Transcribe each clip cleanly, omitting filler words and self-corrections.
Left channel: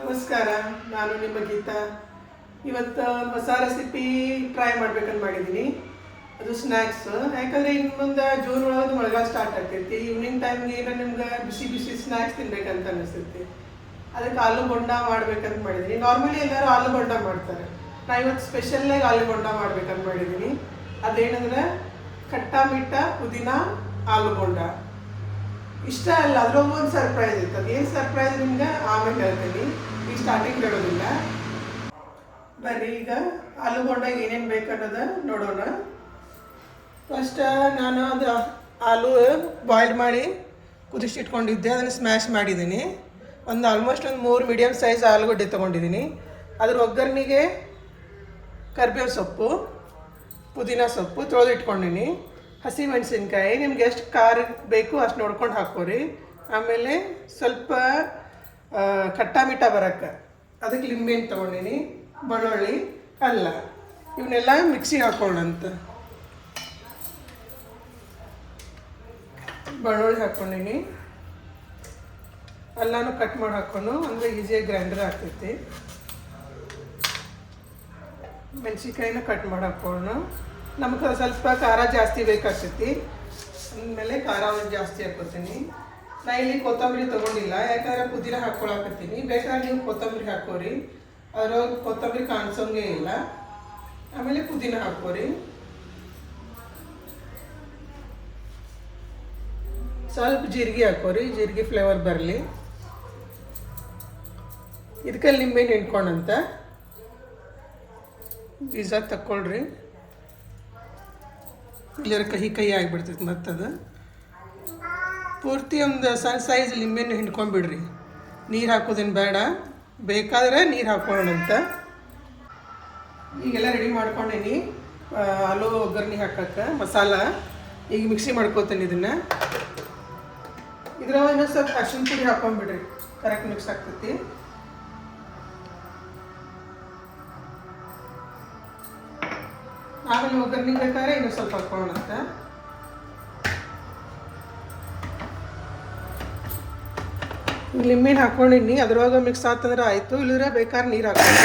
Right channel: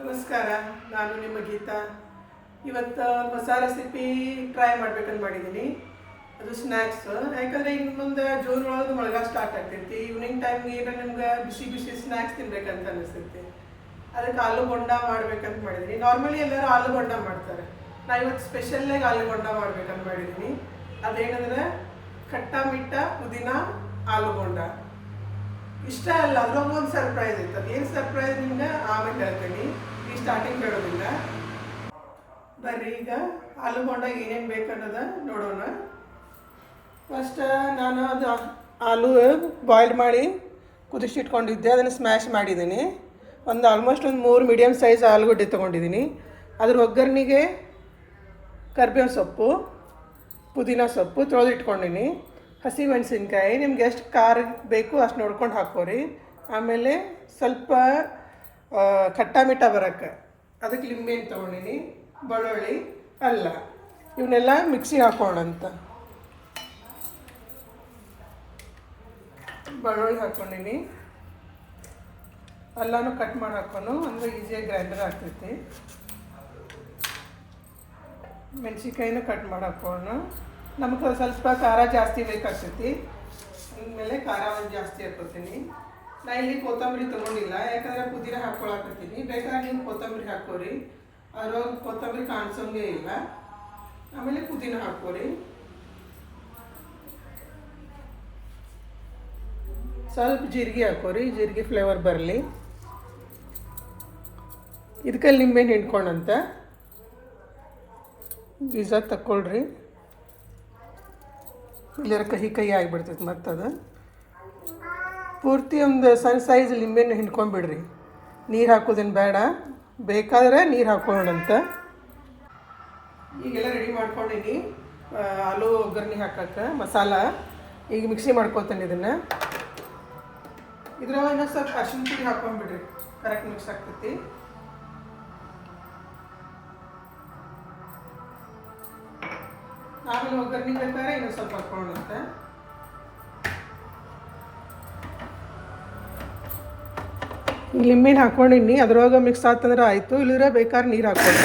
ನಮಸ್ಕಾರ, ನಾನು ನಿಮ್ಮ ಗೀತಾ. ಇವತ್ತು ಹೊಸ ರೆಸಿಪಿ ಟ್ರೈ ಮಾಡ್ಬೇಕಂತ ಮಾಡಿದ್ದೀನಿ. ಅದು ಸ್ನ್ಯಾಕ್ಸ್. ಯಾಕಂದರೆ ಇನ್ನು ಮುಂದೆ ಜೂನ್ ಒಳಗೆ ಮಳೆಗಾಲ ಸ್ಟಾರ್ಟ್ ಆಗ್ತೈತಿ. ಈವ್ನಿಂಗ್ ಟೈಮ್ಗೆ ಏನೋ ನಿಮ್ಗೆ ಬಿಸಿ ಬಿಸಿ ಸ್ನ್ಯಾಕ್ಸ್ ತಿನ್ಬೇಕಂತ ಅನಿಸ್ತೈತಿ. ಅದಕ್ಕೆ ಆಲೂ ಬೋಂಡ ಮಾಡ್ಬೇಕಂತ ಮಾಡಿದ್ದೀನಿ. ನಾರ್ಮಲಿ ಎಲ್ಲರೂ ಆಲೂ ಬೋಂಡ ಮಾಡ್ತಾರೆ. ನಾ ಇವತ್ತು ಸ್ಪೆಷಲ್ಲಾಗಿ ಆಲೂ ಬೋಂಡ ಮಾಡ್ಬೇಕಂತ ಮಾಡಿದ್ದೀನಿ. ಅದೇನಂದ್ರೆ ಖಟ್ಟ ಮಿಟ್ಟ ಪುದೀನ ಆಲೂ ಬೋಂಡ. ಇಷ್ಟ ಅಲ್ಲ, ಅದ್ರೊಂದು ಒಂದು ಸರ್ಪ್ರೈಸ್ ಇತ್ತು. ಅದೇನು ಸರ್ಪ್ರೈಸ್ ನಿಮ್ಗೆ ಆಮೇಲೆ ಹೇಳ್ತೀನಿ, ಈ ಸ್ಟಾರ್ಟಿಂಗ್ ಹೇಳೋದಿಲ್ಲ. ಬರ್ರಿ ಈಗ ಆಲೂ ಬೋಂಡಾಗ ಏನೇನು ಬೇಕನ್ನೋದು ನೋಡೋಣ. ಫಸ್ಟ್ ನಾನು ಅದು ಆಲೂ ಬಾಯ್ಲ್ ಮಾಡಿ ಕುದಿಸಿಟ್ಕೊಂಡಿದ್ದೆ, ಅದನ್ನು ಸ್ಮ್ಯಾಶ್ ಮಾಡಿದ್ದೀನಿ. ಆಲ್ಮೋಸ್ಟ್ ಒಂದು 3 ಮೀಡಿಯಮ್ ಸೈಜ್ ಆಲೂಗಡ್ಡೆ ತೊಗೊಂಡಿದ್ದೀನಿ. ಅದ್ರ ಒಗ್ಗರಣೆಗೆ ಕರಿಬೇವು ಸೊಪ್ಪು, ಪುದೀನ ಸೊಪ್ಪು ತೊಳೆದು ಇಟ್ಕೊಂಡಿನಿ. ಹಸಿ ಮೆಣಸಿನ್ಕಾಯಿ ನಿಮ್ಗೆ ಎಷ್ಟು ಖಾರ ಬೇಕು ಅಷ್ಟು ನೋಡ್ಕೊಂಡು ಹಾಕ್ಕೋರಿ. ಆಮೇಲೆ ಸ್ವಲ್ಪ ಖಟ್ಟ ಮಿಠ ಬರೋಕ್ಕೆ ಅದಕ್ಕೆ ಲಿಂಬೆಹಣ್ಣು ತೊಗೊಂಡಿನಿ, ಬೆಳ್ಳುಳ್ಳಿ, ಅಲ್ಲ, ಇವನ್ನೆಲ್ಲ ಮಿಕ್ಸಿ ಹಾಕೋಣಂತ. ಬೆಳ್ಳುಳ್ಳಿ ಹಾಕ್ಕೊಂಡಿನಿ, ಎಲ್ಲನೂ ಕಟ್ ಮಾಡಿ ಹಾಕ್ಕೊಂಡು, ಅಂದರೆ ಈಸಿಯಾಗಿ ಗ್ರೈಂಡರ್ ಆಗ್ತೈತಿ. ಮೆಣಸಿನ್ಕಾಯಿನ ಕಟ್ ಮಾಡಿ ಹಾಕೋಣ. ನಮಗೆ ಸ್ವಲ್ಪ ಖಾರ ಜಾಸ್ತಿ ಬೇಕಾಗ್ತೈತಿ, ಆಮೇಲೆ ಖಾರ ಒಂದು ಜಾಸ್ತಿ ಹಾಕೋತೀನಿ. ನಾ ಇಲ್ಲಿ ಕೊತ್ತಂಬರಿ ತೊಗೊಂಡಿಲ್ಲ, ಯಾಕಂದರೆ ಪುದೀನ ಹಾಕ್ಕೊಳಕತ್ತೀನಿ. ಬೇಕಾದ್ರೆ ನೀವು ಕೊತ್ತಂಬರಿ ಹಾಕೋರಿ, ಅದ್ರೊಳಗೆ ಕೊತ್ತಂಬರಿ ಕಾಣಿಸೋಂಗೇ ಇಲ್ಲ. ಆಮೇಲೆ ಪುದೀನ ಹಾಕೋರಿ. ಸ್ವಲ್ಪ ಜೀರಿಗೆ ಹಾಕೋರಿ, ಜೀರಿಗೆ ಫ್ಲೇವರ್ ಬರಲಿ. ಇದಕ್ಕೆ ನಿಂಬೆಹಣ್ಣು ಹಿಂಡ್ಕೊಂಡಂತ ಬೀಜ ತಕ್ಕೊಳ್ರಿ, ಇಲ್ಲರ ಕಹಿ ಆಗಿಬಿಡ್ತೈತೆ. ಮತ್ತದು ಪೂರ್ತಿ ಒಂದು ಸಣ್ಣ ಸೈಜ್ ಲಿಂಬೆಹಣ್ಣು ಹಿಂಡ್ಕೊಂಡ್ಬಿಡ್ರಿ. ನೀರು ಹಾಕೋದೇನು ಬೇಡ, ಬೇಕಾದ್ರೆ ನೀರು ಹಾಕೊಳ್ಳೋಣಂತ. ಈಗೆಲ್ಲ ರೆಡಿ ಮಾಡ್ಕೊಂಡೇನಿ ಆಲೂ ಒಗ್ಗರಣೆ ಹಾಕೋಕ್ಕೆ ಮಸಾಲ. ಈಗ ಮಿಕ್ಸಿ ಮಾಡ್ಕೋತೇನೆ ಇದನ್ನು. ಇದ್ರೊಳಗೆ ಇನ್ನೊಂದು ಸ್ವಲ್ಪ ಅರಿಶಿನ ಪುಡಿ ಹಾಕೊಂಡ್ಬಿಡ್ರಿ, ಕರೆಕ್ಟ್ ಮಿಕ್ಸ್ ಆಗ್ತೈತಿ. ಆಮೇಲೆ ಒಗ್ಗರಣೆ ಬೇಕಾದ್ರೆ ಇನ್ನೂ ಸ್ವಲ್ಪ ಹಾಕೊಳ್ಳೋಣಂತ. ಲಿಂಬೆಹಣ್ಣು ಹಾಕೊಂಡಿನಿ, ಅದ್ರೊಳಗೆ ಮಿಕ್ಸ್ ಆಗ್ತಂದ್ರೆ ಆಯಿತು, ಇಲ್ಲಿದ್ರೆ ಬೇಕಾದ್ರೆ ನೀರು ಹಾಕೊಂಡು.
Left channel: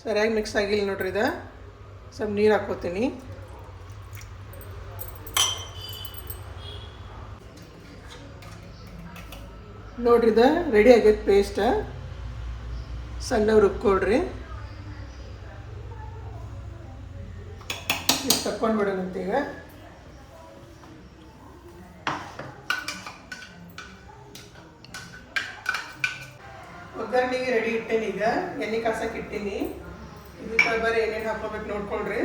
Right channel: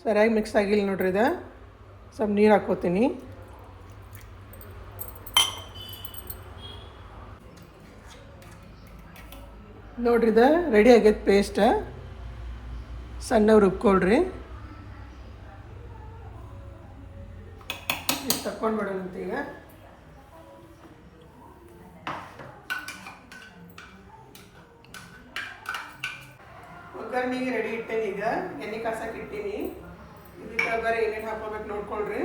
ಸರಿಯಾಗಿ ಮಿಕ್ಸ್ ಆಗಿಲ್ಲ ನೋಡ್ರಿ. ಇದು ಸ್ವಲ್ಪ ನೀರು ಹಾಕ್ಕೋತೀನಿ. ನೋಡ್ರಿ, ಇದು ರೆಡಿ ಆಗೈತೆ ಪೇಸ್ಟ್. ಸಣ್ಣ ರುಬ್ಕೊಳ್ರಿ. ಇದು ತಕ್ಕೊಂಡ್ಬಿಡೋಣಂತ. ಈಗ ಒಗ್ಗರಣೆಗೆ ರೆಡಿ ಇಟ್ಟೇನಿ. ಈಗ ಎಣ್ಣೆ ಕಾಸಕ್ಕೆ ಇಟ್ಟೀನಿ. ಇದಕ್ಕೆ ಬರೀ ಏನೇನು ಹಾಕೋಬೇಕು ನೋಡ್ಕೊಳ್ರಿ.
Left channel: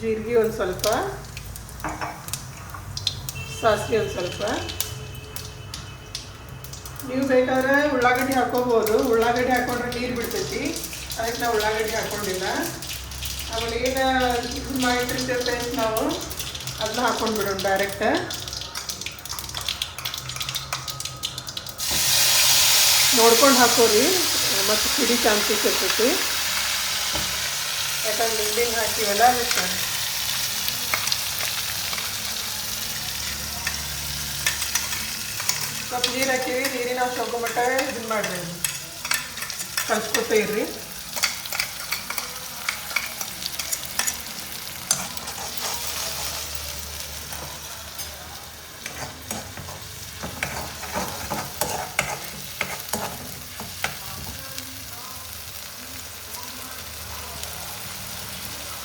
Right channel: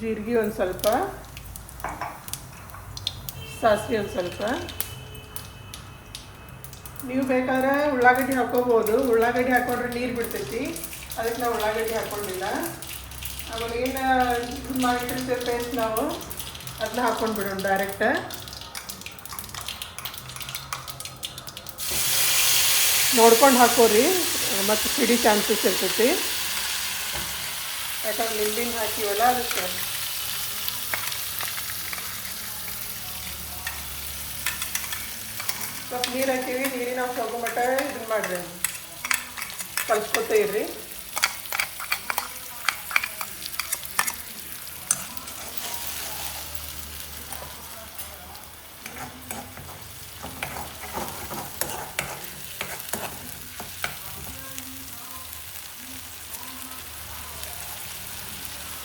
ಜೀರಿಗೆ ಒಂದು ಸ್ವಲ್ಪ, ಸಾಸಿವೆ ಒಂದು ಸ್ವಲ್ಪ. ನೀವು ಬೇಕಾದ್ರೆ ಉಳ್ಳಾಗಡ್ಡಿ ಹಾಕೋಬೋದು. ಉಳ್ಳಾಗಡ್ಡಿ ಹಾಕೊಂಡ್ರೆ ನೀರು ಬಿಡ್ತೈತಿ, ಅದಕ್ಕೆ ನಾವು ಉಳ್ಳಾಗಡ್ಡಿ ಹಾಕ್ಕೊಂಡಿಲ್ಲ. ಆಮೇಲೆ ಏನು ಮಾಡಿಟ್ಟಿರ್ತೈತೆ ನಾವು ಅದನ್ನ ಹಾಕೊಂಡು ಬಿಡೋಣ ಡೈರೆಕ್ಟ್. ನೋಡ್ಕೊಂಡು ಹಾಕೋರಿ, ಮತ್ತು ಸಿಡಿ ಚಾನ್ಸಸ್ ಇರ್ತೈತಿ. ಯಾಕಂದ್ರೆ ಲಿಂಬೆಹಣ್ಣು ಹಾಕಿವಲ್ಲ ಅದಕ್ಕೆ. ಸ್ವಲ್ಪ ನೀರು ಹಾಕಿವಿ, ನೀರಿನ ಅಂಶ ಹೋಗೋ ಮಟ್ಟ ಇದನ್ನು ಮಾಡಿರಿ, ಕಲಿಸ್ಕೊತಾ ಇರ್ರಿ.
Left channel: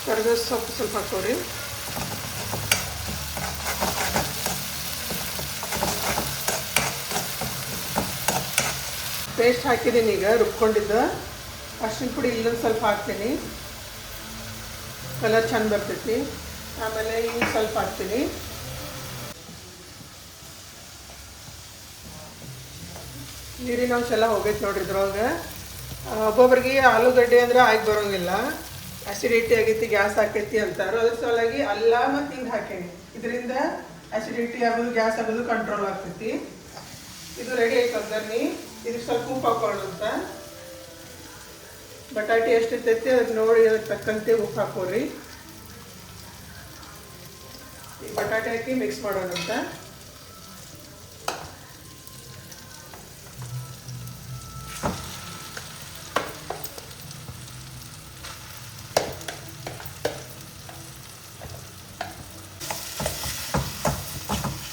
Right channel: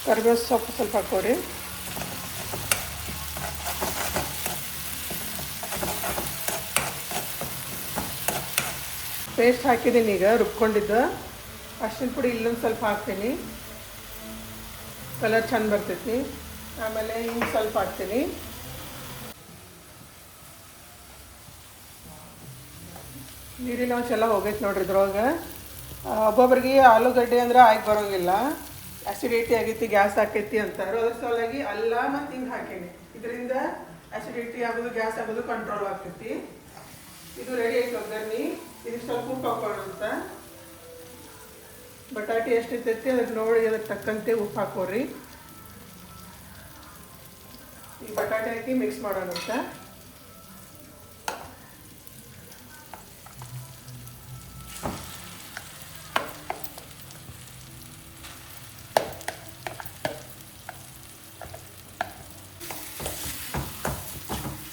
ಕರಿಬೇವು ಸೊಪ್ಪು ಸ್ವಲ್ಪ ಹಾಕೋರಿ. ಪೇಸ್ಟ್ ಹಾಕಿದ್ದೀನಿ. ಈಗ ರುಬ್ಕೊಂಡಿದ್ದು ಅರಿಶಿನ ಪುಡಿ ಇಲ್ಲೊಂದು ಸ್ವಲ್ಪ ಹಾಕ್ತೀನಿ, ಕಲರ್ ಚೆಂದ ಬರ್ತೈತಿ. ಆಮೇಲೆ ಹಿಂಗೆ ಸ್ವಲ್ಪ ಹಾಕ್ತೀನಿ. ನೀರಿನ ಅಂಶ ಎಲ್ಲ ಹೋಗೈತೆ ನೋಡ್ರಿ ಇದ್ರೊಳಗೆ. ಒಬ್ಬೊಬ್ರಿಗೆ ಆಲೂಗಡ್ಡೆ ಅಂದರೆ ಆಗಿ ಬರೋಂಗಿಲ್ಲ, ಆ್ಯಸಿಡಿಟಿ ಆಗೈತಿ, ಗ್ಯಾಸ್ ಆಗ್ತೈತಿ ಅಂತಾರೆ. ಅದ್ರ ಸಲುವಾಗಿ ಅಲ್ಲ ಮತ್ತು ಹಿಂಗೆ ಹಾಕೀನಿ. ಇದರಿಂದ ಆ್ಯಸಿಡಿಟಿ ಆಗೋದು, ಗ್ಯಾಸ್ ಆಗೋದು ಕಂಟ್ರೋಲ್ ಆಗ್ತೈತಿ. ಇದು ರೆಡಿ ಆಯ್ತು ಒಗ್ಗರಣೆ. ಇದಕ್ಕೆ ಸ್ವಲ್ಪ ಉಪ್ಪು ಹಾಕೊಳ್ಳೋಂತ. ಬಟಾಟೆ ಎಷ್ಟಿರ್ತೈತಿ ಅದಕ್ಕೆ ನೋಡಿ ಅದಕ್ಕೆ ತಕ್ಕಂತೆ ಉಪ್ಪು ಹಾಕೋರಿ. ಈಗ ಬಟಾಟೆ ಹಾಕಿ ಮಿಕ್ಸ್ ಮಾಡೋಣಂತ.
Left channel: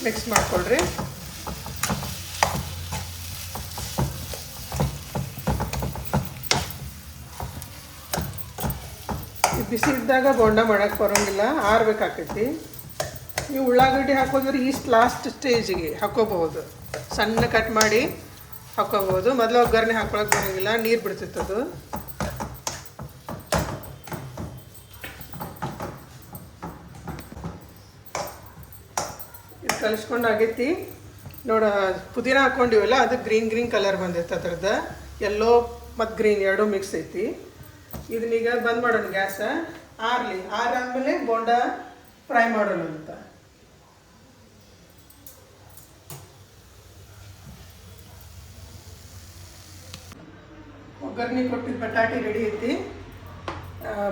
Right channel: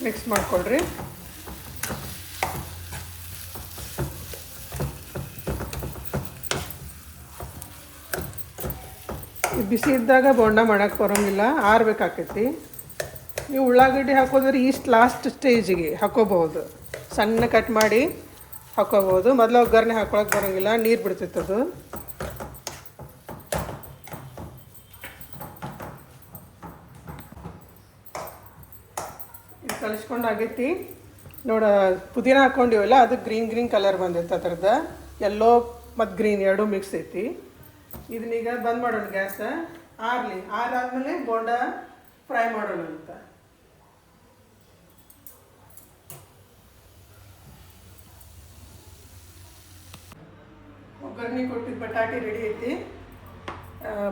ಮಿಕ್ಸ್ ಮಾಡ್ಕೊಳ್ರಿ. ಬಿಸಿ ಇದ್ದಾಗ ಬೋಂಡ ಮಾಡೋಕ್ಕೆ ಬರೋಂಗಿಲ್ಲ, ಆರಬೇಕಾಕೈತಿ. ನೀವು ಉಳ್ಳಾಗಡ್ಡಿ ಹಾಕೋದ್ರೆ ಈಸ್ಟ್ ಲಾಸ್ಟ್ ಸ್ಟೇಜಿಗೆ ಹಾಕೋಬಹುದು, ಸಣ್ಣ ಕಟ್ ಮಾಡಿ ಹಾಕೋಬಹುದು. ಮೊದಲು ಒಗ್ಗರಣೆ ಹಾಕೊಳಕ್ಕೆ ಬರೋಂಗಿಲ್ಲ, ನೀರು ಬಿಡ್ತೈತೆ ಅದು. ಇದು ಕಲಿಸ್ಕೊಂಡು ಆಗೈತಿ ನೋಡ. ಪುದೀನ ಹಾಕ್ಕೊಂಡಿವಲ್ಲ, ಅದು ಗ್ರೀನ್ ಕಲರ್ ಬಂದೈತೆ. ಅದ್ರದ್ದು ಯೆಲ್ಲೋ ಮತ್ತು ಗ್ರೀನ್ ಎರಡೂ ಮಿಕ್ಸ್ ಐತಿ. ಇದನ್ನೀಗ ಬಂದ್ ಮಾಡೋಣ, ಗ್ಯಾಸ ಆರಲಿ. ಆರಾದ್ಮೇಲೆ ಬೋಂಡ ಫ್ರೈ ಮಾಡೋಣ ಅಂತ. ಒಗ್ಗರಣೆ ಕೊಟ್ಟಿದ್ದು ಬಟಾಟಿ ರೆಡಿ ಐತಿ.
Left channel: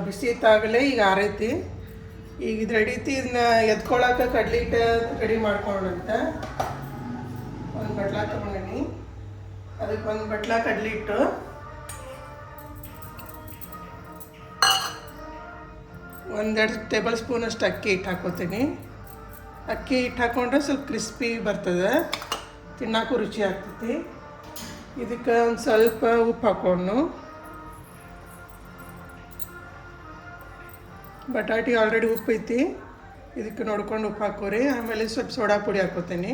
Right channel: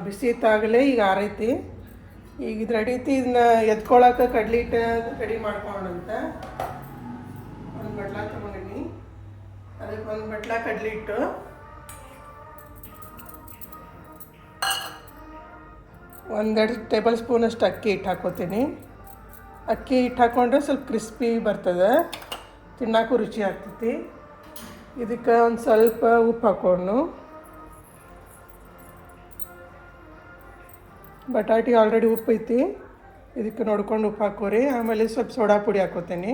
ಬಿಸಿ ಇತ್ತಾಗಲೇ ಈಗ ಆರೈತಿ. ಈಗ ಇದು ರೆಡಿ ಐತಿ. ಇದನ್ನ ಎತ್ಕೊಳಕ್ಕೆ ಕಡ್ಲಿ ಹಿಟ್ಟು ರೆಡಿ ಮಾಡ್ಕೊಳ್ಳೋಣಂತ. ಒಂದು ಬಟ್ಲ ತೊಗೊಂಡಿನಿ, ಅದಕ್ಕೆ ಒಂದು ಬಟ್ಲ ಕಡ್ಲಿ ಹಿಟ್ಟು, ಒಂದೆರಡು ಟೇಬಲ್ ಸ್ಪೂನಷ್ಟು ಅಕ್ಕಿ ಹಿಟ್ಟು ಹಾಕೋತೀನಿ. ಅಕ್ಕಿ ಹಿಟ್ಟು ಹಾಕ್ಕೊಂಡ್ರೆ ಸ್ವಲ್ಪ ಕ್ರಿಸ್ಪಿ ಬರ್ತದೆ, ತಿನ್ನೋಕ್ಕೂ ರುಚಿ ಆಗ್ತೈತಿ. ಇದಕ್ಕೆ ಒಂದು ಸ್ವಲ್ಪ ಉಪ್ಪು ಹಾಕೊಂಡು, ಬಟಾಟಿ ಆಲ್ರೆಡಿ ಉಪ್ಪು ಐತಿ, ಇದಕ್ಕೆ ನೋಡ್ಕೊಂಡು ಉಪ್ಪು ಹಾಕೋರಿ. ಆಮೇಲೆ ಸ್ವಲ್ಪ ಸೋಡಾ ಪುಡಿ ಹಾಕೋತೀನಿ.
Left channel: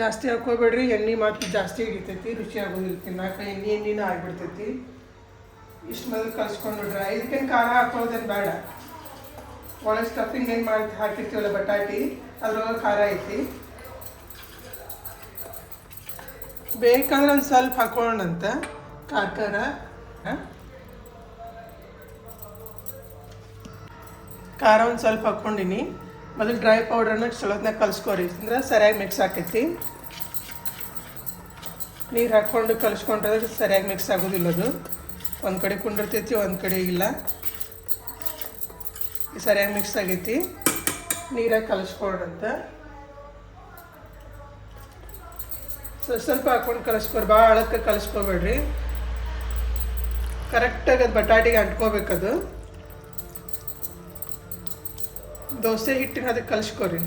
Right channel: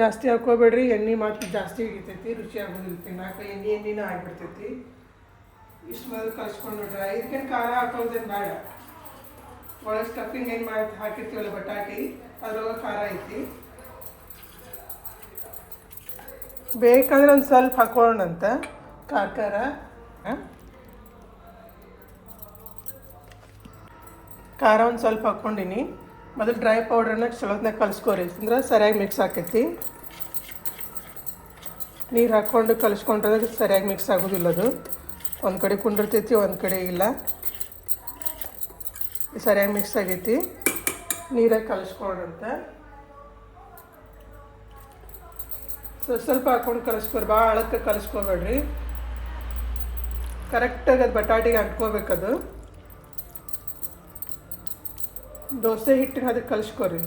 ಜಾಸ್ತಿ ಹಾಕೋಬೇಡ್ರಿ, ಎಣ್ಣೆ ಮಾತ್ರ ಜಾಸ್ತಿ ಹಿಡಿತೈತಿ, ರುಚಿ ಆಗೋದಿಲ್ಲ ತಿನ್ನಕ್ಕೆ. ಎಣ್ಣೆನೂ ಆಗಿಬಿಡ್ತೈತಿ. ಇಷ್ಟು ಮೊದಲು ಕಲಿಸ್ಕೊಂಡು ನೋಡ್ರಿ. ಇದಕ್ಕೇನು ಖಾರ ಹಾಕೋದೇನು ಬೇಡ. ಒಳಗೆ ಸ್ಟಫಿಂಗ್ ಏನು ಮಾಡಿ ಹಾಕಿರ್ತೀವಲ್ಲ ಬಟಾಟಿ, ಅದ್ರೊಳಗೆ ಖಾರ ಐತಿ. ಬೇಕಂದ್ರೆ ಒಂದು ಸ್ವಲ್ಪ ಹಾಕೊಳ್ಳೋಣಂತ ಖಾರ. ಖಾರ ಒಂದು ಸ್ವಲ್ಪ ಹಾಕ್ಕೊಂಡಿನಿ. ಮೊದಲು ಡ್ರೈ ಪೌಡ್ರನ್ನ ಚಲೋತ್ನಾಗ ಕಲಿಸ್ಕೊರಿ, ಅಂದ್ರೆ ಸರಿಯಾಗಿ ಮಿಕ್ಸ್ ಆಕೈತಿ. ನೀರು ಹಾಕ್ಕೊಂಡು ಕಲಿಸ್ಕೊಂಡ್ರೆ ಸರಿಯಾಗಿ ಮಿಕ್ಸ್ ಆಗೋದಿಲ್ಲ. ಅದು ಒಂದು ಕಡೆ ಕುಂಡಿರ್ತೈತಿ, ಒಂದು ಕಡೆ ಇಲ್ಲ. ಸರಿಯಾಗಿ ಮಿಕ್ಸ್ ಆಗೈತಿ. ನೀರಾಗಿ ಕಲಿಸ್ಕೊಂಡ್ರಂತ ಸ್ವಲ್ಪ ಹಾಕ್ಕೊಂಡು ಕಲಿಸ್ಕೊರಿ, ಭಾಳ ಆಳಕ್ಕೆ ಕಲಿಸ್ಕೊಬೇಡ್ರಿ. ಕರೆಕ್ಟಾಗಿ ಅದು ಬಟಾಟಿಗೆ ಅಂಟ್ಕೋಬೇಕದು. ದೋಸೆ ಹಿಟ್ಟಿನ ಅದಕ್ಕೆ ಕಲಿಸ್ಕೊರಿ.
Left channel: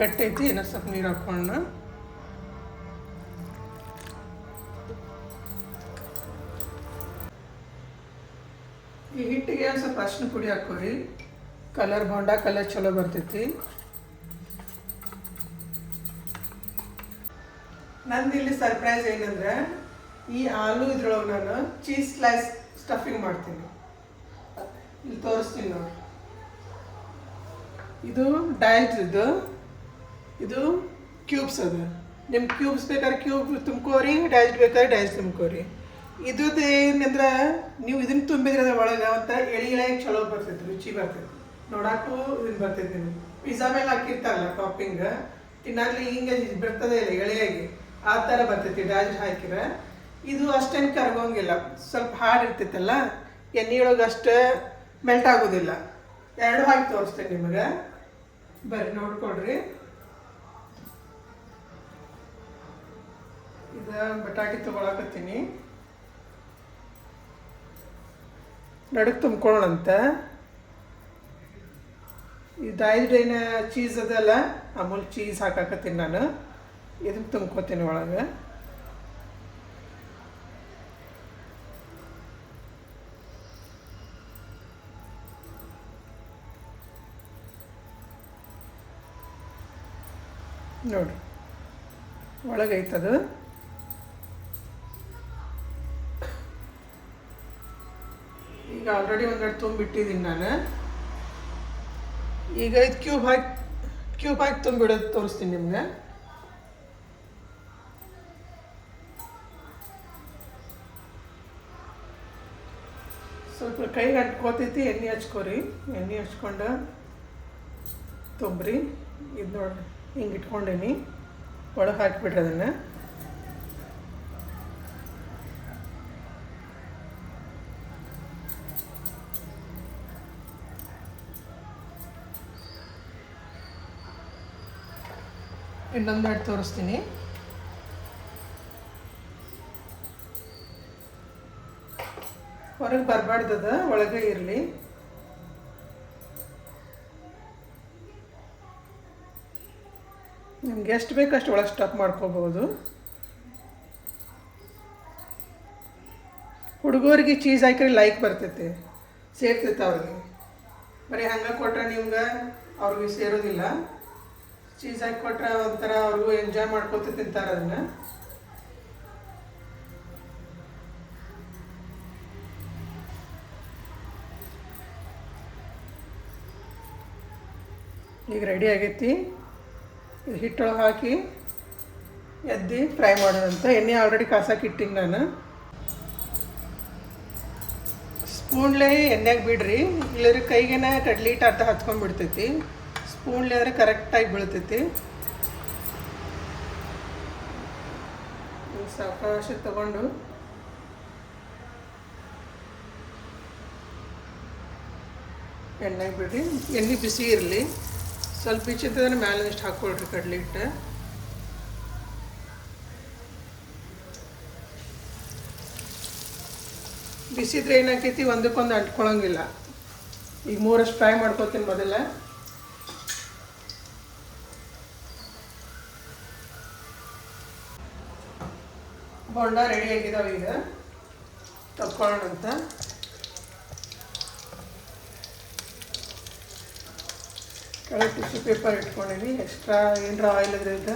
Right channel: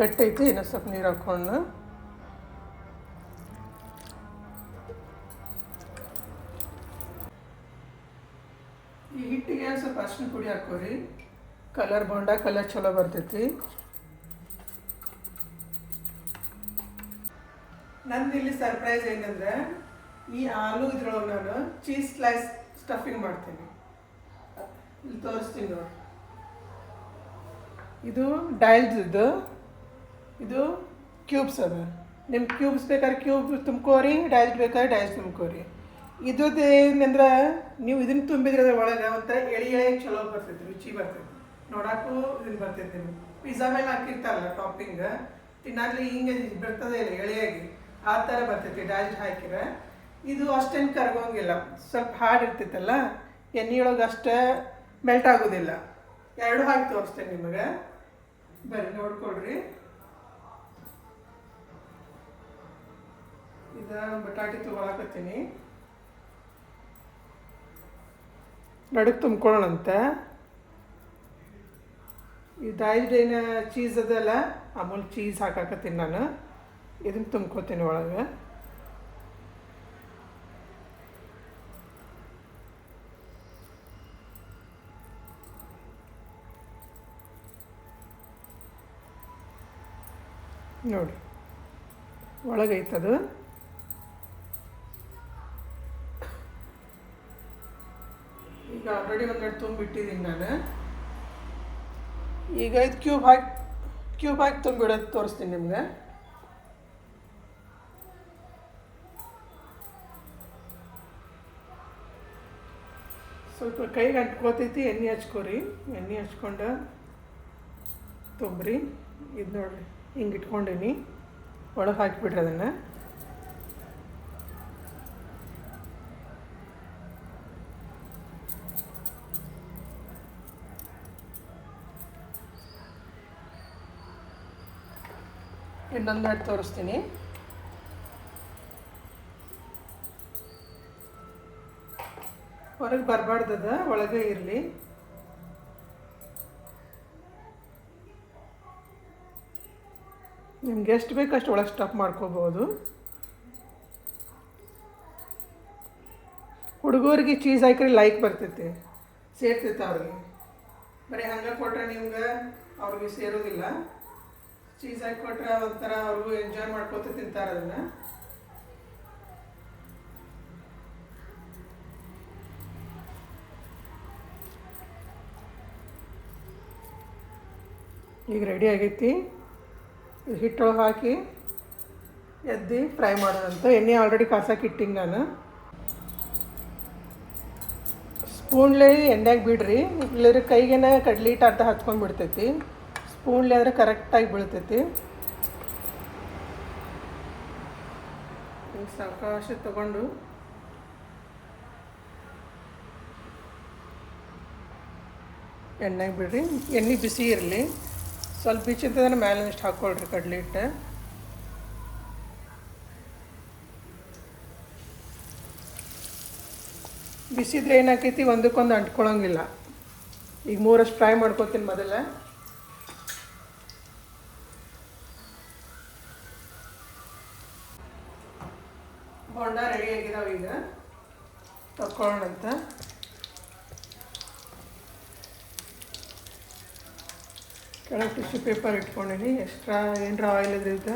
ಗಟ್ಟೈತಿ, ಇನ್ನೂ ಸ್ವಲ್ಪ ನೀರು ಹಾಕ್ಕೊಂಡು ಈ ಹಿಟ್ಟಿಗೆ ಸ್ವಲ್ಪ ಅರಿಶಿನ ಪುಡಿ ಹಾಕೋರಿ. ಕಲರ್ ಬೋಂಡ ಕಲರ್ ಚಲೋ ಬರ್ತೈತಿ. ನಂದು ಇಲ್ಲಿ ಸರ್ಪ್ರೈಸ್ ಏನಂದ್ರೆ, ಈ ಆಲೂ ಇದ್ರೊಳಗೆ ನಾನು ಚೀಸ್ ಸ್ಲೈಸ್ ಸ್ಟಫಿಂಗ್ ಮಾಡ್ತೀನಿ. ಇಲ್ಲಿ ತೋರಿಸ್ತೀನಿ ನೋಡಿ. ಇದು ಡೈಲ್ಸ್ದು, ಇದು ಕ್ಯೂಬ್ಸ್ ಅದ. ನಿಮ್ಮ ಕ್ಯೂಬ್ಸ್ ಬೇಕಾದ್ರೆ ಕ್ಯೂಬ್ ತುಂಬ್ಕೋರಿ, ಡೈಲ್ಸ್ ಬೇಕಾದ್ರೆ ಡೈಲ್ಸ್ ತುಂಬ್ಕೋರಿ. ಇದ್ರದ್ದು ಏನಂದ್ರೆ, ನೀವು ಇದನ್ನು ತುಂಬಿದ್ರೆ ಒಳಗೆ ಒಂಥರ ಎಳೆ ಚಲೋ ಬರ್ತೈತಿ, ರುಚಿ ಬರ್ತೈತಿ. ನೋಡಕ್ಕೂ ಇದನ್ನು ಬರ್ತೈತಿ. ನೀವು ಪಿಜ್ಜಾ ಮೇಲೆ ಹಾಕಿರ್ತಾರಲ್ಲ ಟಾಪಿಂಗ್, ತಿನ್ನಾಗ್ಲಿ ಹಿಂಗೆ ಬರ್ತದೆ ಇಲ್ಲ ಎಳೆಯಾಗಿ, ಆ ಥರ ಬರ್ತೈತಿ ಡೈಲ್ಸ್ ಹಾಕಿರ. ಇದು ಅಷ್ಟೇನು ಕರಗೋಂಗಿಲ್ಲ, ಸ್ವಲ್ಪ ಹಾರ್ಡ್ ಇರ್ತೈತಲ್ಲ, ಎಣ್ಣೆಯೊಳಗೆ ಅಷ್ಟೇ ಮೆಲ್ಟ್ ಆಗೋದಿಲ್ಲ. ಎರಡು ಹಾಕಿ ತೋರಿಸ್ತೇನೆ ನಿಮಗೆ, ಬರ್ರಿ ನೋಡ್ಕೊಳ್ರಿ. ಇದು ಬಟಾಟಿ ತೊಗೊಳಕತ್ತೀನಿ. ನಡುಕ್ಕೆ ತುಂಬ್ಕೊಳ್ಳೋಣಂತ. ಈ ಡೈಲ್ಡ್ ಏನು ಚೀಸ್ ಅದಲ್ಲ, ಅಮೂಲ್ ಚೀಸ್ ಹಾಕಾಕತ್ತೀನಿ ನಾನು. ಇದನ್ನು ತುಂಬ್ಕೋತೀನಿ ಒಳಗೆ. ನೋಡಿ ಒಳಗೈತದು. ಈಗ ಆಲ್ರೆಡಿ ಒಂದೆರಡು ತುಂಬಿಟ್ಟಿದ್ದೀನಿ ನಾನು. ಈಗ ಇದು ಕ್ಯೂಬ್ ಹಾಕಿ ತುಂಬಿಡೋದು ತೋರಿಸ್ತೀನಿ ನಿಮ್ಗೆ. ಸ್ವಲ್ಪ ಕೈಗೆ ಅಂಟ್ಕೋತೈತಿ, ಎಣ್ಣೆ ಹಚ್ಕೋರಿ. ಎಣ್ಣೆ ಹಚ್ಕೊಂಡು ತುಂಬ್ರಿ. ಇದು ನೋಡಿರಿ, ಹಿಂಗೆ ಇಟ್ಕೊಂಡೀನಿ. ಒಳಗೆ ಹಾಕಿಬಿಡ್ರಿ ಅದನ್ನು. ಇನ್ನೊಂದೆರಡು ತೋರಿಸ್ತೀನಿ. ಹೊರಗೆ ಬರಬಾರ್ದದ, ಒಳಗೆ ಇರಲಿ. ನಿಮ್ಗೆ ಎಷ್ಟು ಬೇಕಷ್ಟು ಒಳಗೆ ಸ್ಟಫ್ ಮಾಡ್ಕೋಬೋದು. ಹುಡುಗರಿಗೆ ಚೀಸ್ ಹಾಕಿದ್ರೆ ಲೈಕ್ ಬರ್ತೈತೆ, ಸೇರ್ತೈತೆ ಅವ್ರಿಗೆ. ಬರೀ ಹಂಗೆ ಕೊಟ್ರೆ ನಿಮ್ಗೆ ಅವ್ರಿಗೆ ಸೇರೋದಿಲ್ಲ. ಚೀಸ್ ಹಾಕಿ ಕೊಟ್ರೆ ಒಂಥರ ಅವ್ರಿಗೂ ಎಂಜಾಯ್ ಮಾಡ್ಕೊತ ತಿಂತಾರೆ ಅದನ್ನು. ಈಗ ರೆಡಿ ಆಗೈತಿ. ಇದು ಹಿಟ್ಟೊಳಗೆ ಹಾಕಿ ಎದ್ದು ಫ್ರೈ ಮಾಡೋಣಂತ. ಎಣ್ಣೆ ಆಲ್ರೆಡಿ ಕಾಸಕ್ಕೆ ಇಟ್ಟಿನಿ ನಾನು. ಸ್ಪೂನ್ಲೇ ಎಣ್ಣೆಗೆ ಬಿಡ್ರಿ, ಇಲ್ಲದ್ರೆ ಕೈಗೇನ ಕಡ್ಲಿ ಹಿಟ್ಟು ಆತ ಹಚ್ಕೊಂಡ್ಬಿಡ್ತೈತಿ. ಸ್ಪೂನ್ಲೇ ಆದರೆ ಕರೆಕ್ಟಾಗಿ ಬೀಳ್ತೈತಿ. ಸಾವಕಾಶ ತಗೊಂಡು ಎಣ್ಣೆಗೆ ಬಿಡ್ರಿ. ಎಣ್ಣೆ ಬಿಸಿ ಇರಲಿ. ಸ್ವಲ್ಪ ಬಿಚ್ಚಿದ್ರೆ ಮೇಲೆ ಇಷ್ಟು ಹಾಕ್ಕೊಳ್ರಿ ಕಡ್ಲಿ ಹಿಟ್ಟು. ಬಿಸಿದ್ರೆ ಏನಾಕೈತಿ, ಒಂದಕ್ಕೊಂದು ಅಂಟ್ಕೊಳಂಗಿಲ್ಲ. ಈಗ 3 ಫ್ರೈ ಮಾಡ್ಕೊತೀನಿ ಮೊದಲ. ಬೋಂಡ ರೆಡಿ ಆಗಿದಾವೆ. ಈಗ ತಕ್ಕೊಳ್ಳೋಣಂತ. ಕೆಳಗೆ ಟಿಶ್ಯೂ ಪೇಪರ್ ಇಟ್ಕೊಂಡೀನಿ. ಎಕ್ಸ್ಟ್ರಾ ಏನರ ಆಯಿಲ್ ಇದ್ರಿಂದ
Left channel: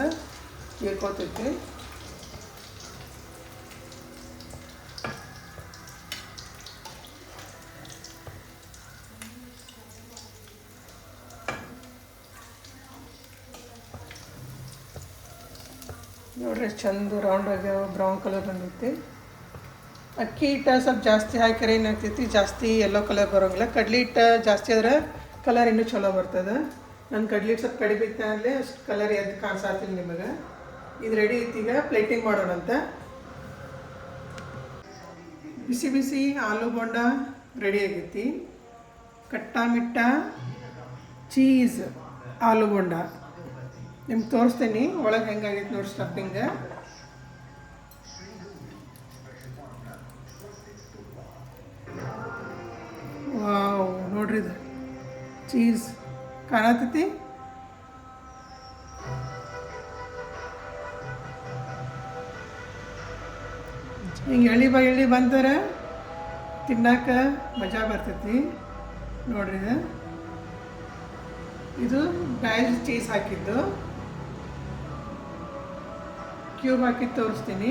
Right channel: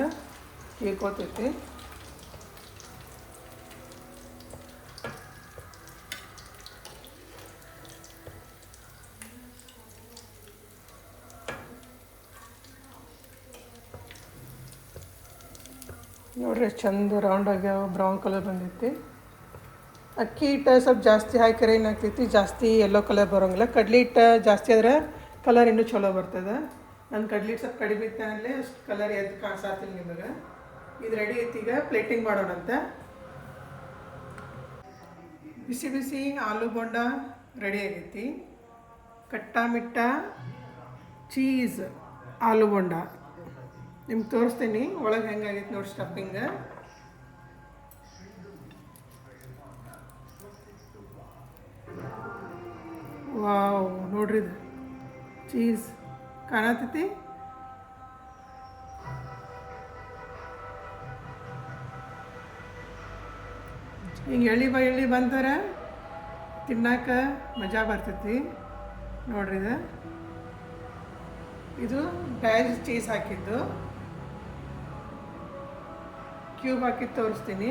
ಹೀರ್ಕೋತೈತಿ. ನೋಡ್ರಿ ಎಷ್ಟು ಚಂದ ರೌಂಡ್ ಆಗ್ಯಾವ, ಬ್ರೌನ್ ಕಲರ್ ಬಂದೈತಿ. ಅಕ್ಕಿ ಹಿಟ್ಟು ಸ್ವಲ್ಪ ಜಾಸ್ತಿ ಹಾಕಿದ್ರೆ ಏನಾಗ್ತೈತಿ, ಜಾಸ್ತಿ ಯೆಲ್ಲೋ ಕಲರ್ ಬರೋಂಗಿಲ್ಲ. ಕಡ್ಲಿ ಹಿಟ್ಟು ಜಾಸ್ತಿ ಆದ್ರೆ ಕಲರ್ ಇನ್ನೂ ಚಲೋ ಬರ್ತದೆ. ನನ್ನ ಕಡ್ಲಿ ಹಿಟ್ಟು ಸ್ವಲ್ಪ ಕಡಿಮೆ ಇತ್ತು ಅಂದರೆ ಅಷ್ಟು ಕಲರ್ ಎದ್ದು ಕಾಣಿಸಾತಿಲ್ಲ ನಿಮಗೆ. ಇದು ರೆಡಿ ಐತಿ. ಈಗ ಪ್ಲೇಟಿಂಗ್ ಮಾಡೋಣಂತ. ಬಿಸಿ ಬಿಸಿ ಆಲೂ ಬೋಂಡ ರೆಡಿ ಆಗೈತಿ. ಕಟ್ಟಾ ಮಿಟ್ಟ ಚೀಸ್ ಆಲೂ ಬೋಂಡ ನಿಮ್ಗೆ ತೋರಿಸ್ತೀನಿ ಒಳಗೆ ಹೆಂಗಾಗೈತೆ ನೋಡಿ ಸ್ಟಫಿಂಗ. ವಾವ್, ನೋಡ್ರಿ ಇದು ಚೀಸ್ ಕಾಣತೈತಿ. ಹಿಂಗೆ ಎಳ್ಳಿ ಬಂದರೆ ತಿನ್ನಕ್ಕೆ ಮಜಾ ಬರ್ತೈತಿ. ನೋಡ್ರಿ ಇದು ಬ್ಯಾಲ್ ಚೀಸ್ ಹಾಕಿದ್ದು. ಕ್ಯೂಬ್ ಹಾಕಿ ತೋರಿಸ್ತೀನಿ.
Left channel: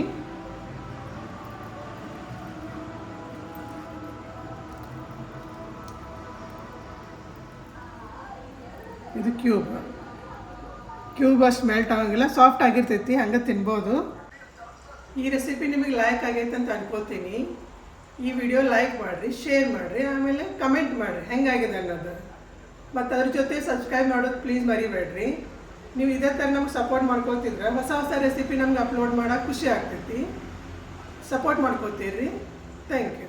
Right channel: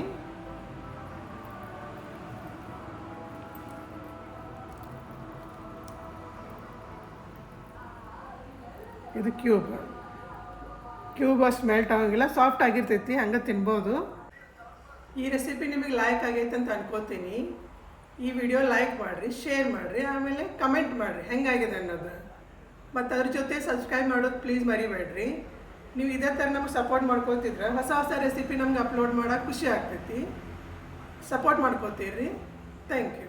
ಇದು ಕ್ಯೂಬ್ ಅಷ್ಟು ಮೆಲ್ಟ್ ಆಗೋಂಗಿಲ್ಲ, ಸಾಫ್ಟ್ ಆಗಿರ್ತೈತಿ, ಹಂಗೆ ತಿನ್ಬೋದು. ಈ ರೆಸಿಪಿ ನಿಮಗೆ ಲೈಕ್ ಆಗೈತೆ ಅಂತ ಅನ್ಕೋತೀನಿ. ಈ ವಿಡಿಯೋ ಲೈಕ್ ಮಾಡಿರಿ, ಶೇರ್ ಮಾಡಿರಿ, ಆಮೇಲೆ ಕಮೆಂಟ್ ಮಾಡಿರಿ ಹೆಂಗಾಗಿದೆ ಅನ್ನೋದು. ಮತ್ತು ಅದ್ರ ಜೊತೆ ಸಬ್ಸ್ಕ್ರೈಬ್ ಮಾಡೋದು ಪ್ಲೀಸ್ ಮರಿಬೇಡ್ರಿ. ನೀವು ಇದೇ ಥರ ನಮ್ಗೆ ಸಪೋರ್ಟ್ ಮಾಡ್ಕೋತಿದ್ರೆ ಹೊಸ ರೆಸಿಪಿ ನಮ್ಗೆ ಅಪ್ಲೋಡ್ ಮಾಡೋಕೆ ಖುಷಿ ಆಗ್ತೈತಿ. ಸಪೋರ್ಟ್ ಮಾಡ್ಕೋತೀರಿ. Thank you.